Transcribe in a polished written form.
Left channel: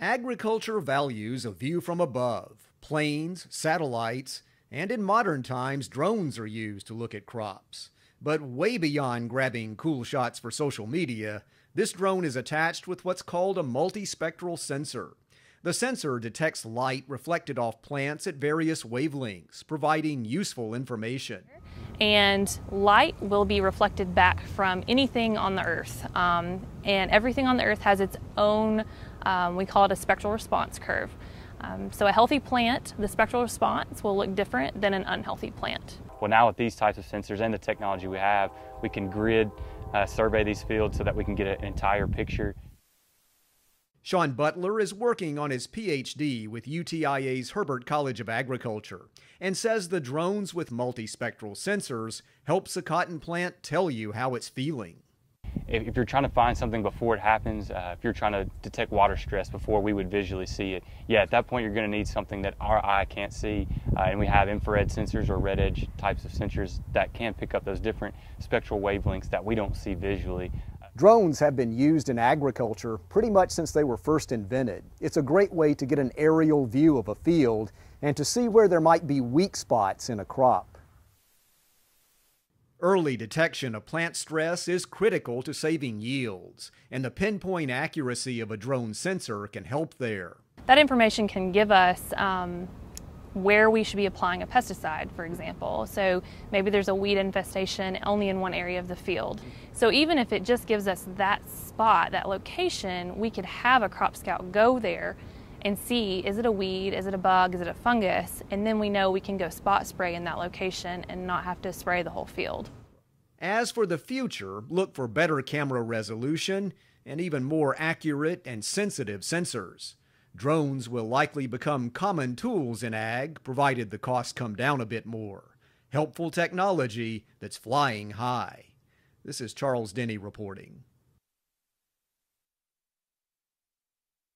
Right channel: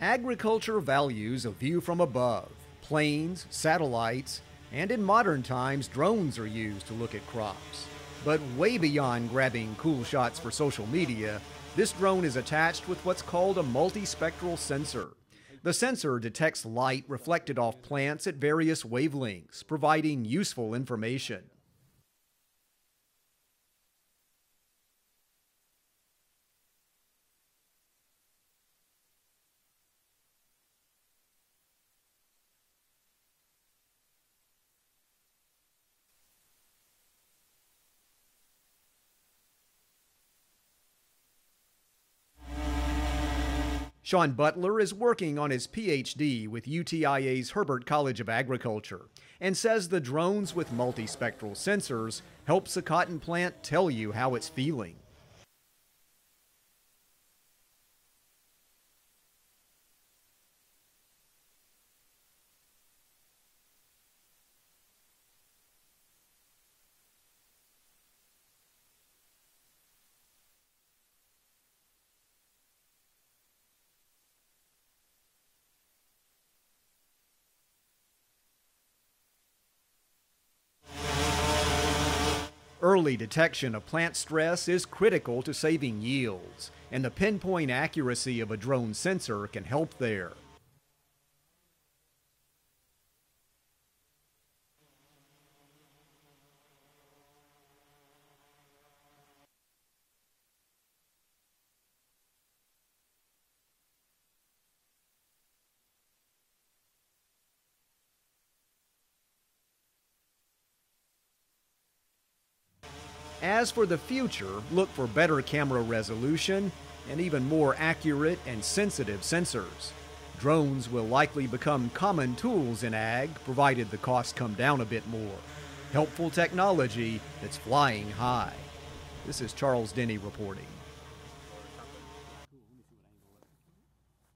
Agriculture values a view from above. Planes, satellites, and in modern times, drones are used to look at crops. But way beyond grabbing cool shots for social media, this drone is attached with what's called a multispectral sensor. The sensor detects light reflected off plants at various wavelengths, providing useful information. And light will be reflected back from anything on the earth. And everything on the earth has its own, we call it a spectral response curve. So a healthy plant, the spectral response will look different than an unhealthy plant. Well, now with these types of sensors and the technology we have, we can grid survey these fields so that we can get an entire picture. Sean Butler is working on his PhD with UTIA's Herbert College of Agriculture and says the drones with multispectral sensors helps a cotton plant tell you how it's feeling. If you're trying to find something before it happens, if you're trying to detect water stress before we would visually see it, yeah, at that point you're going to need something that our eye can't see, and we have infrared sensors or red edge types of sensors that can pick up those different spectral wavelengths that we don't see visually. Drones have been used in agriculture pretty much since they were first invented. It's a great way to get an aerial view of a field and to see where there might be weak spots in a crop. Early detection of plant stress is critical to saving yields, and the pinpoint accuracy of a drone sensor can help there. That information can give us where we should be applying a pesticide, for example. So maybe there's a weed infestation only in one area of the field. So even if it just gives us that spot, that location, we could have a crop scout go there and see, is it a weed, is it a bug, is it a fungus, and then we know we can go spot spray in that location and not have to spray the whole field. As for the future, look for better camera resolution and even more accurate and sensitive sensors. Drones will likely become common tools in ag, provided the costs come down a bit more. Helpful technology that's flying high. This is Charles Denny reporting.